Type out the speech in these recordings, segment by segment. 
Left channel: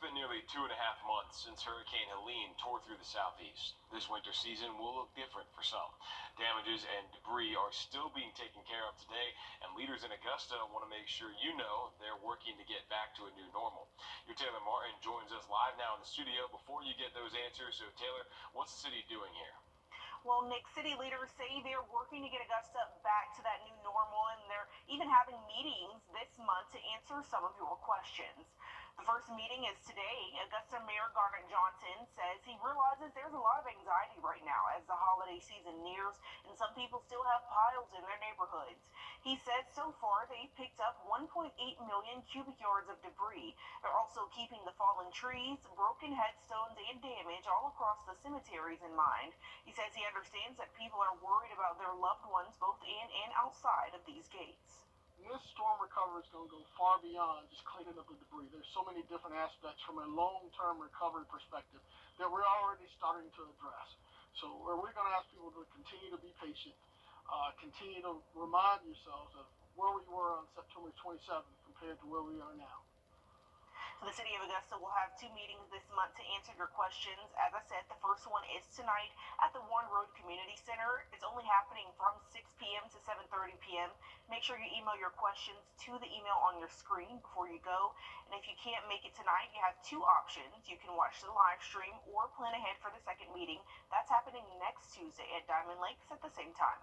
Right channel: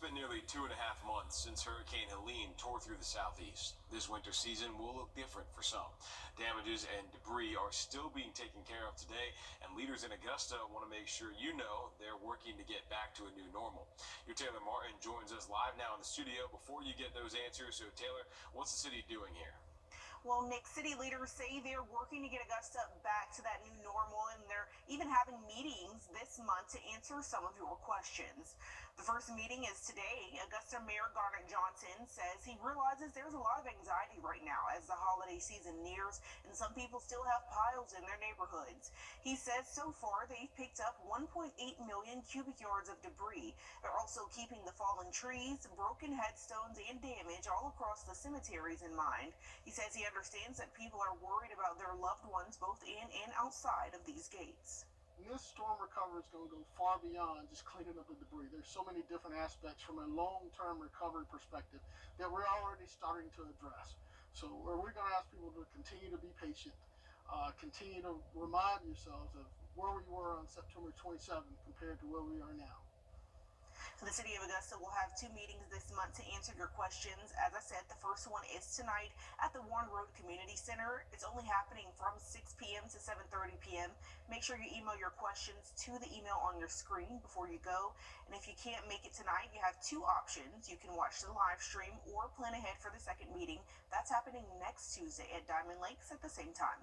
been nearly 2.5 months since Hurricane Helene tore through the southeast. This winter season will look different for some. Damages and debris are still being taken care of today, and leaders in Augusta want to make sure you know they're working to get back to a new normal. Your Taylor Martin joins us live now in the studio. Before you get those answers, so Taylor, what's the city doing here? Well, Nick, city leaders say they're working to get Augusta back to that new normal, and they're even having meetings this month to answer some of your questions. The first meeting is today. Augusta Mayor Garnet Johnson says he realizes there's a lot of anxiety right now as the holiday season nears, and some people still have piles in their neighborhoods. He says so far they've picked up 1.8 million cubic yards of debris. They're also keeping the fallen trees, broken headstones, and damage all across the cemeteries in mind. He says he understands that people are worried about their loved ones both in and outside of these gates. This storm recovery is going to go far beyond just cleaning up the debris. There's so many different aspects from a long-term recovery perspective that we're already starting to address. So we're going to ask people to continue to be patient, continue to remind yourselves of where we were on September 27th compared to where we are now. The city of Augusta will have two meetings this month to answer your questions. As I said, the first one is tonight at the Wrdw Community Center. It's only happening from 6 p.m. to 7:30 p.m. Make sure you email your questions to the email on your screen before you go. And if you can't make it tonight, you have two options. You can watch the live stream or plan ahead for the second meeting. That's happening next Tuesday at Diamond Lakes at the same time.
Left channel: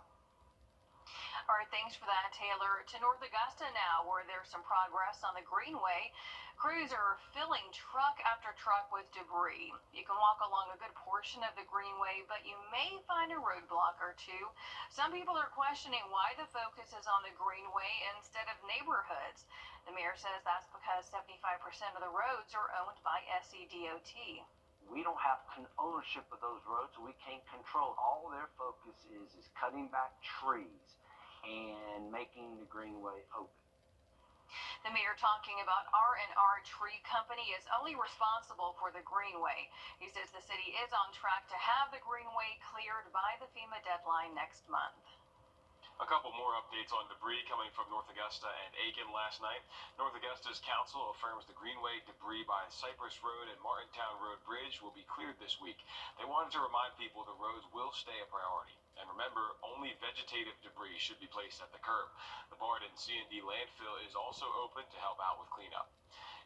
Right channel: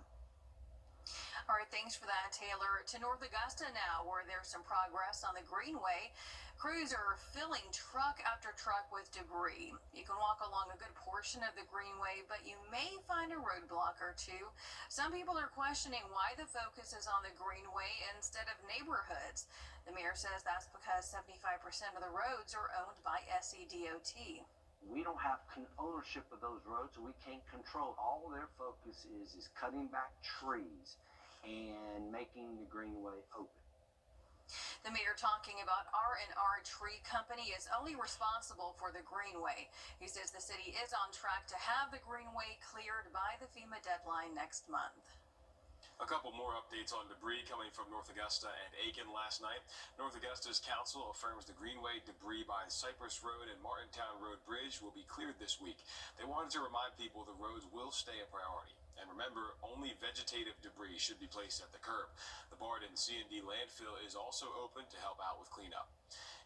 All right, thanks for that, Taylor. To North Augusta now, where there's some progress on the Greenway. Crews are filling truck after truck with debris. You can walk along a good portion of the Greenway, but you may find a roadblock or two. Some people are questioning why the focus is on the Greenway instead of neighborhoods. The mayor says that's because 75% of the roads are owned by SCDOT. We don't have ownership of those roads, so we can't control. All their focus is cutting back trees and making the Greenway open. The mayor talking about R&R Tree Company is only responsible for the Greenway. He says the city is on track to have the Greenway cleared by the FEMA deadline next month. A couple more updates on debris coming from North Augusta and Aiken last night. North Augusta's council affirms the Greenway debris by Cypress Road and Martintown Road Bridge will be cleared this week. They wanted to remind people the roads will stay a priority. And remember, only vegetative debris should be placed at the curb. The Barden C&D landfill is also open to help out with cleanup.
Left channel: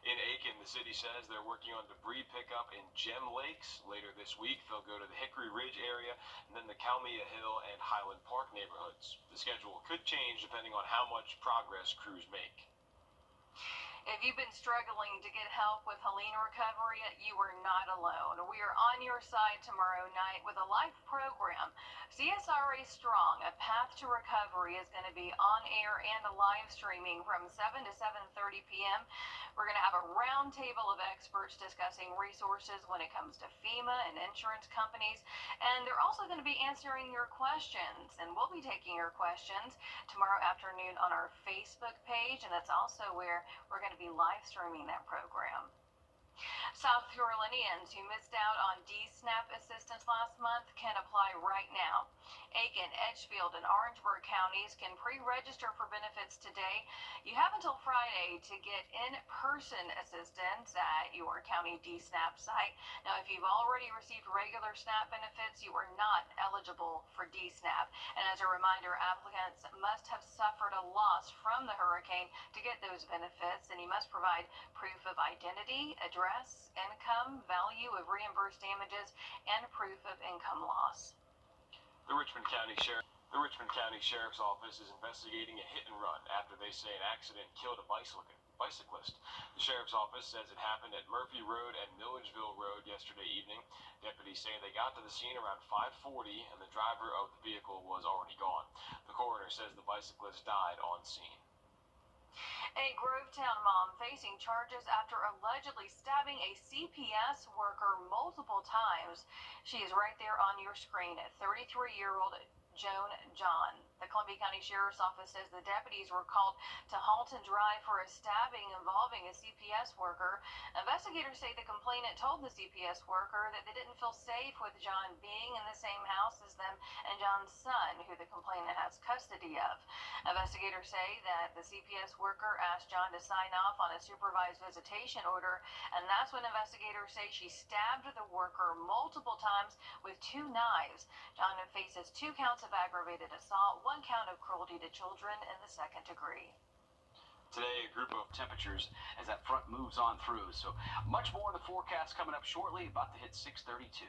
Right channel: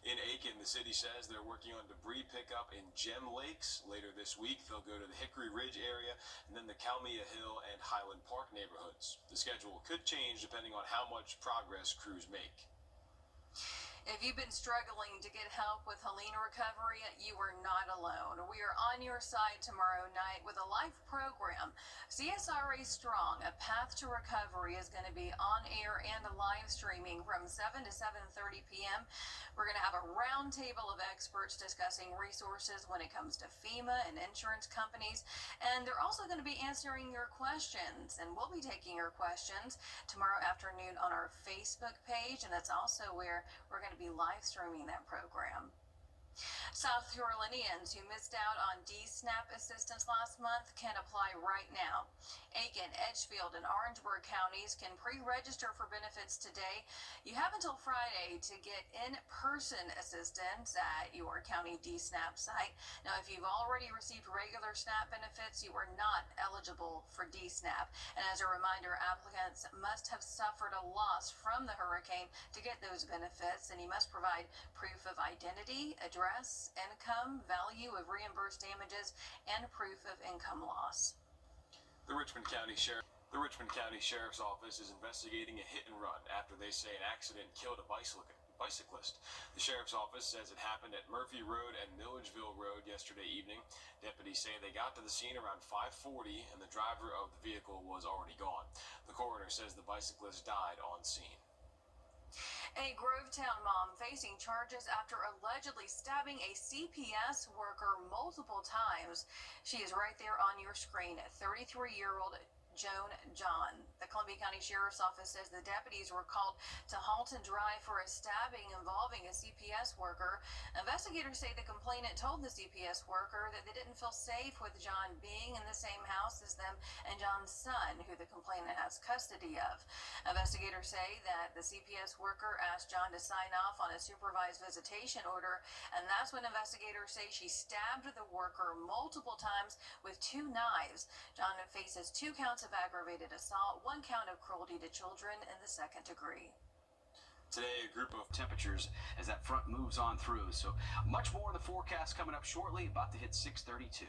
In Aiken, the city says they're working on debris pickup in Gem Lakes. Later this week, they'll go to the Hickory Ridge area and then the Calmia Hill and Highland Park neighborhoods. The schedule could change depending on how much progress crews make. If you've been struggling to get help with Helene recovery, you are not alone. We are on your side tomorrow night with a live program. CSRA Strong, A Path to Recovery, is going to be on air and live streaming from 7 to 7:30 p.m. We're going to have a round table of experts discussing resources when it comes to FEMA and insurance companies. And they're also going to be answering your questions. And we'll be taking your questions tomorrow afternoon on our Facebook page. And that's also where we're going to be live streaming that program. South Carolinians who missed out on DSNAP assistance last month can apply right now. Aiken, Edgefield, and Orangeburg counties can pre-register for benefits today. You have until Friday to get in-person assistance at your county DSNAP site. Now, if you've already received regular SNAP benefits, you are not eligible for DSNAP. And as a reminder, applicants must have suffered a loss from the hurricane to get those benefits, and you must provide proof of identity, address, income, value of reimbursed damages, and proof of income loss. The Richmond County Sheriff's Office is investigating a hit and run after they say an accident killed a bicyclist. The Sheriff's Office says it happened at Murphy Road and Milledgeville Road yesterday evening. Deputies say they got to the scene around 5:40 and the driver of the vehicle was already gone. The coroner says the bicyclist died on scene. A Grovetown mom facing charges after allegedly stabbing a CPS worker multiple times. She is right there on your screen. 33-year-old Joan John. The Columbia County Sheriff's Office says the deputies were called to halt and dry for a stabbing involving a CPS worker. Investigators say the complainant told the CPS worker that they didn't feel safe with John being in the same house as them and John's son, who the complainant has custody of. Investigators say that the CPS worker asked John to sign off on a supervised visitation order, and that's when investigators say she stabbed the worker multiple times with 2 knives. John faces 2 counts of aggravated assault, 1 count of cruelty to children in the 2nd degree. Today, a group of temperatures as that front moves on through. So much more in the forecast coming up shortly, about to hit 632.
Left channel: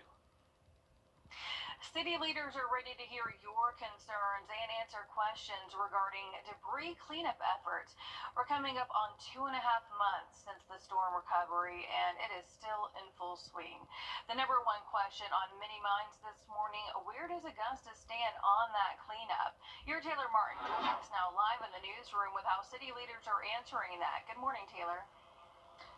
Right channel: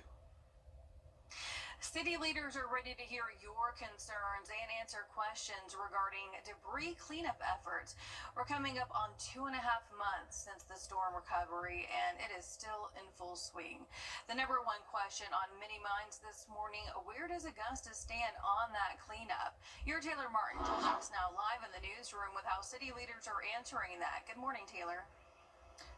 City leaders are ready to hear your concerns and answer questions regarding debris cleanup efforts. We're coming up on 2.5 months since the storm recovery, and it is still in full swing. The number one question on many minds this morning: where does Augusta stand on that cleanup? Your Taylor Martin joins us now live in the newsroom with how city leaders are answering that. Good morning, Taylor.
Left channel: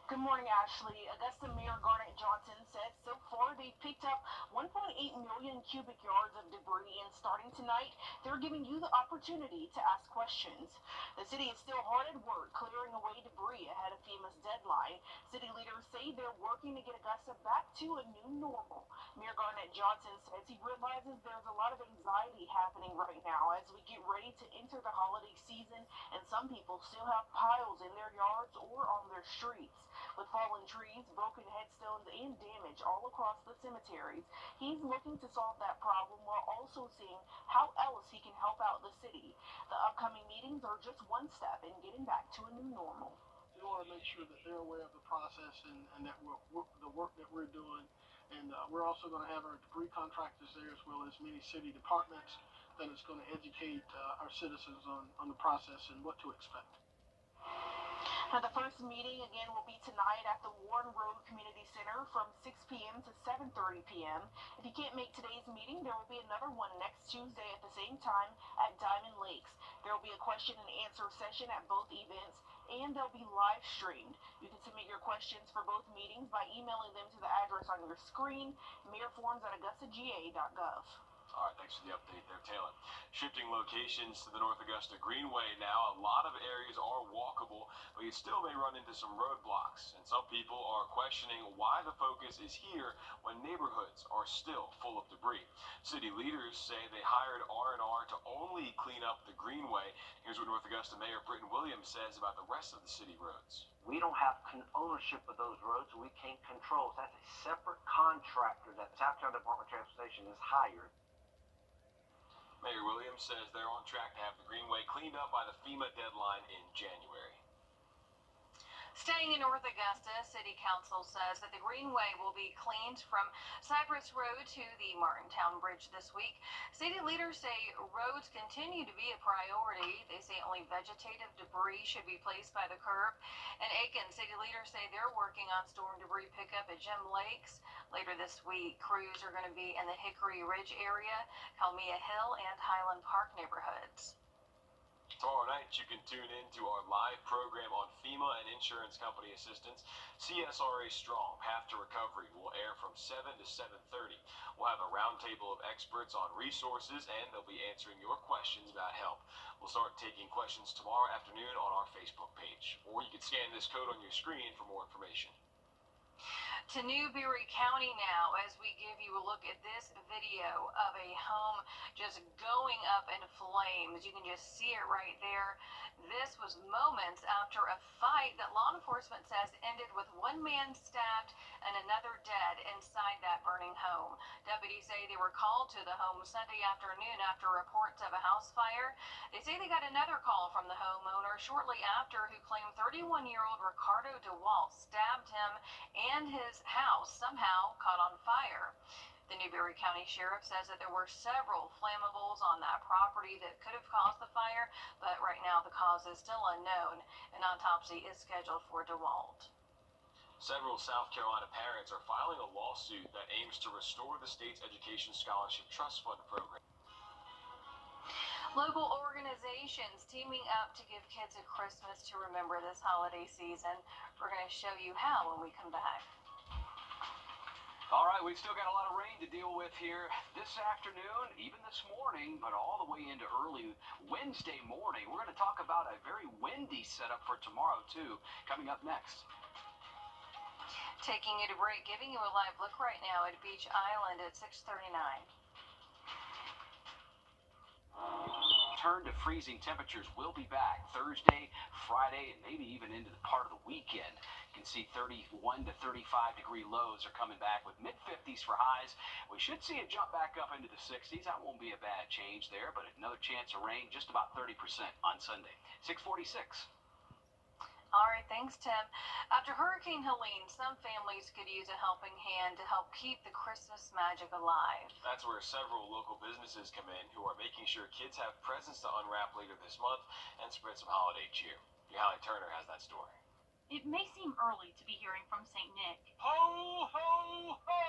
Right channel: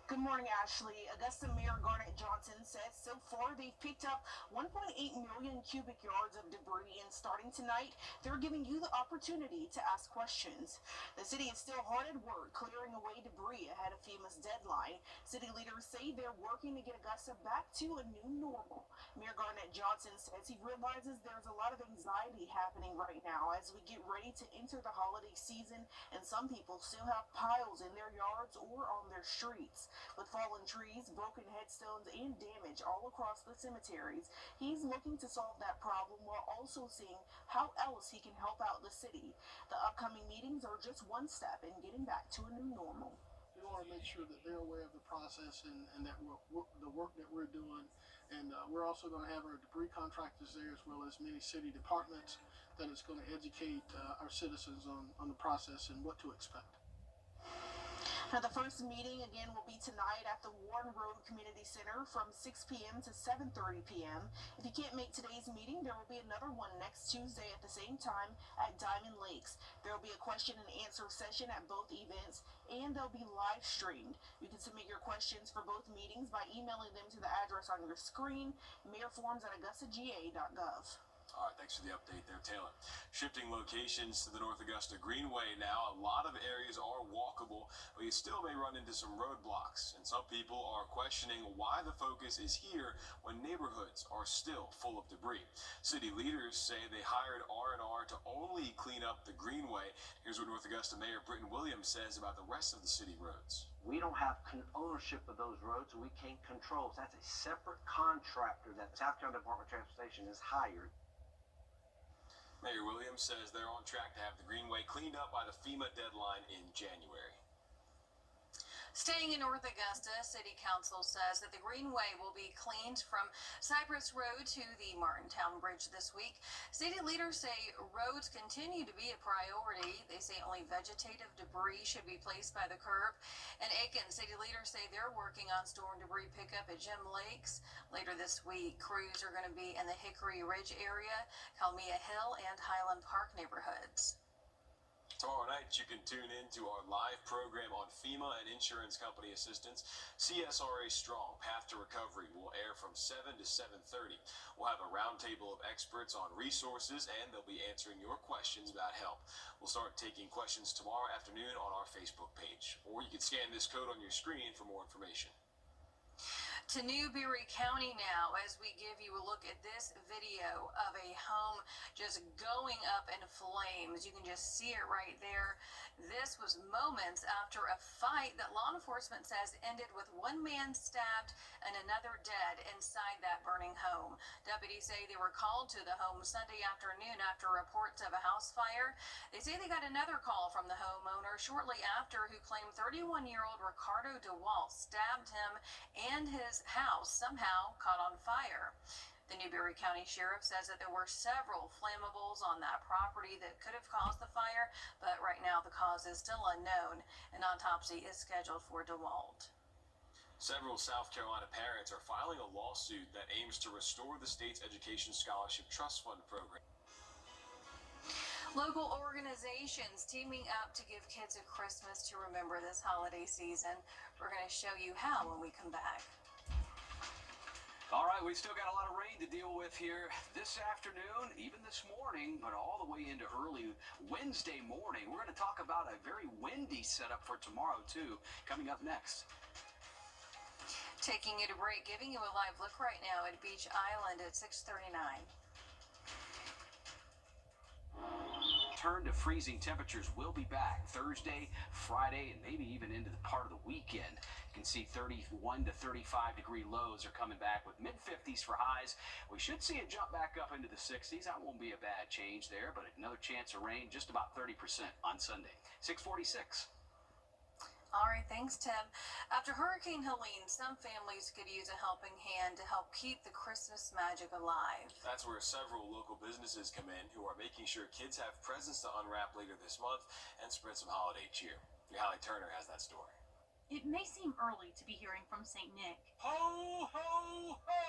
Good morning, Ashley. Augusta Mayor Garnett Johnson says so far they've picked up 1.8 million cubic yards of debris, and starting tonight, they're giving you the opportunity to ask questions. The city is still hard at work clearing away debris ahead of FEMA's deadline. City leaders say they're working to get Augusta back to a new normal. Mayor Garnett Johnson says he realizes there's a lot of anxiety happening right now as we get ready to enter the holiday season, and some people still have piles in their yards or on their streets. With fallen trees, broken headstones, and damage all across the cemeteries, he's looking to solve that problem while also seeing how else he can help out the city. The upcoming meetings are just one step in getting back to a new normal. We want to make sure that they're aware of the process and that the work that we're doing. And we're also going to have our debris contractors there, as well as many city departments, that is going to educate our citizens on the process and what to expect. Now, the first meeting again will be tonight at the Warren Road Community Center from 6 p.m. to 7:30 p.m. If you can't make today's meeting, there will be another one next Tuesday at the same time at Diamond Lakes. There will be a question and answer session at both events, and they'll be live streamed. You can submit your questions for both meetings by emailing them to the address on your screen, mayorforms@augustaga.gov. All right, thanks for the update there, Taylor. Shifting locations to the North Augusta Greenway now. A lot of areas are walkable, but you still may run into some roadblocks. And some people are questioning why the focus is here when neighborhoods are still full of debris. City leaders say they hired R&R to only clean up the Greenway. Here's what North Augusta Mayor Britton Williams says about the rest of the city roads. We don't have ownership of those roads, so we can't control. So that's a separate contractor that the South Carolina Department of Transportation has hired. Mayor Williams says they're on track to have the Greenway cleaned up by the FEMA deadline in January. Staying in North Augusta, City Council says that the Greenway will be cleaned from Cypress Road to the Martintown Bridge this week. City leaders say roads continue to be a priority. They say only vegetative debris should be placed by the curb. In Aiken, city leaders say they're working on storm debris pickup at Gem Lakes. Later this week, crews are going to be in the Hickory Ridge area, Calmia Hill, and Highland Park neighborhoods. Tomorrow night, you can tune in to our live program on FEMA and insurance company assistance. CSRA Strong, Path to Recovery, will air from 7 to 7:30. We'll have a roundtable of experts on resources, and they'll be answering your questions about help. We'll start taking questions tomorrow afternoon on our Facebook page, or you can scan this code on your screen for more information. To Newberry County now, as we give you a look at this video of a home just going up in flames. You can just see it right there. This was moments after a fight that law enforcement says ended with one man stabbed and another dead inside that burning home. Deputies say they were called to the home Sunday afternoon after reports of a house fire. They say they got another call from the homeowner shortly after, who claimed 31-year-old Ricardo DeWalt stabbed him and his house somehow caught on fire. The Newberry County Sheriff says that there were several flammables on that property that could have caused the fire, but right now the cause is still unknown. An autopsy is scheduled for DeWalt. Several South Carolina parents are filing a lawsuit that aims to restore the state's Education Scholarship Trust Fund program. Local organizations teaming up to give kids a Christmas to remember this holiday season. We're going to show you how when we come back. All right, we've still got a lot of rain to deal with here this afternoon, even this morning, but all the way into early Wednesday morning. We're going to talk about a very windy setup for tomorrow, too, coming up next. Taking you to break, giving you a live look right now at Beach Island at 6:39. Turn to freezing temperatures will be back Thursday, Friday, and maybe even into the part of the weekend. You can see 31 to 35 degree lows are coming back with mid-50s for highs. We should see it jump back up into the 60s. That won't be a bad change there, but another chance of rain, just about 30% on Sunday. 646. All right, thanks, Tim. After Hurricane Helene, some families could use a helping hand to help keep the Christmas magic alive. That's where several local businesses come in who are making sure kids have presents to unwrap later this month and spread some holiday cheer. Your Hallie Turner has that story. It may seem early to be hearing from St. Nick, Ho, ho, ho!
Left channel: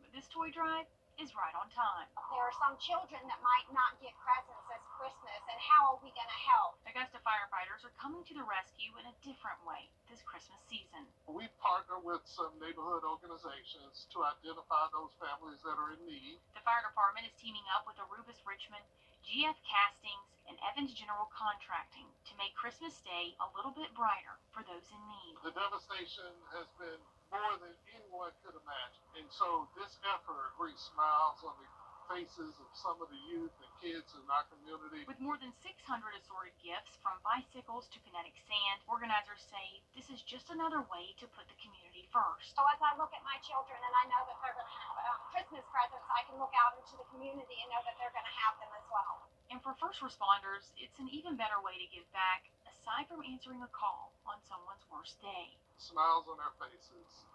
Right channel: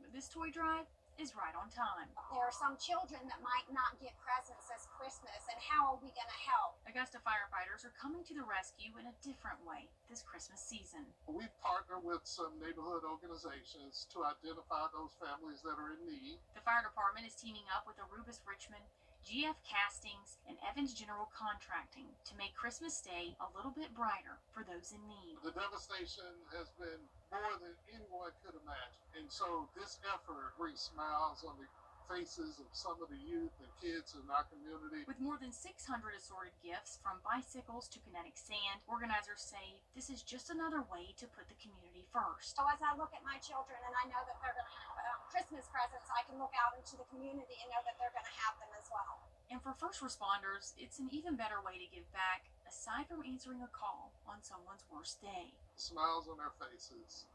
but this toy drive is right on time. There are some children that might not get presents this Christmas, and how are we going to help? Augusta firefighters are coming to the rescue in a different way this Christmas season. We partner with some neighborhood organizations to identify those families that are in need. The fire department is teaming up with Aruba's Richmond, GF Castings, and Evans General Contracting to make Christmas Day a little bit brighter for those in need. The devastation has been more than anyone could imagine. And so this effort brings smiles on the faces of some of the youth and kids in our community. With more than 600 assorted gifts, from bicycles to kinetic sand, organizers say this is just another way to put the community first. So as I look at my children and I know that they're going to have Christmas presents, I can look out into the community and know that they're going to have them as well. And for first responders, it's an even better way to give back, aside from answering a call on someone's worst day. Smiles on their faces,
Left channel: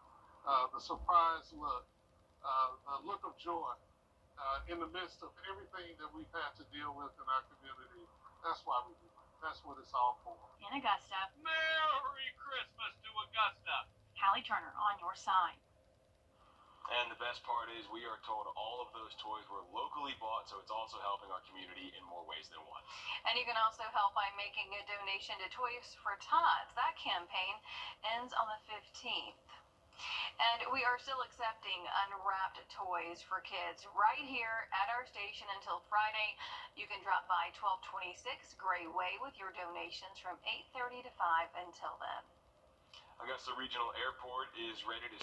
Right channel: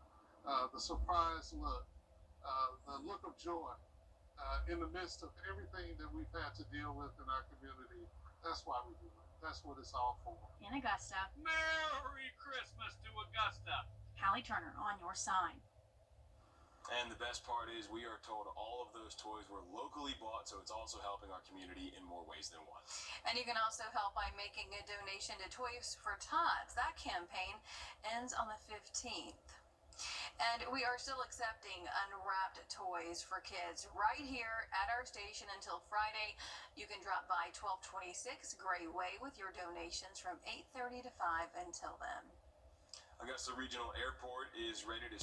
the surprised look, the look of joy in the midst of everything that we've had to deal with in our community. That's why we do it. That's what it's all for. In Augusta, Merry Christmas to Augusta. Hallie Turner on your side. And the best part is we are told all of those toys were locally bought, so it's also helping our community in more ways than one. And you can also help by making a donation to Toys for Tots. That campaign ends on the 15th. And we are still accepting unwrapped toys for kids right here at our station until Friday. You can drop by 1226 Gray Way with your donations from 8:30 to 5 until then. Augusta Regional Airport is ready to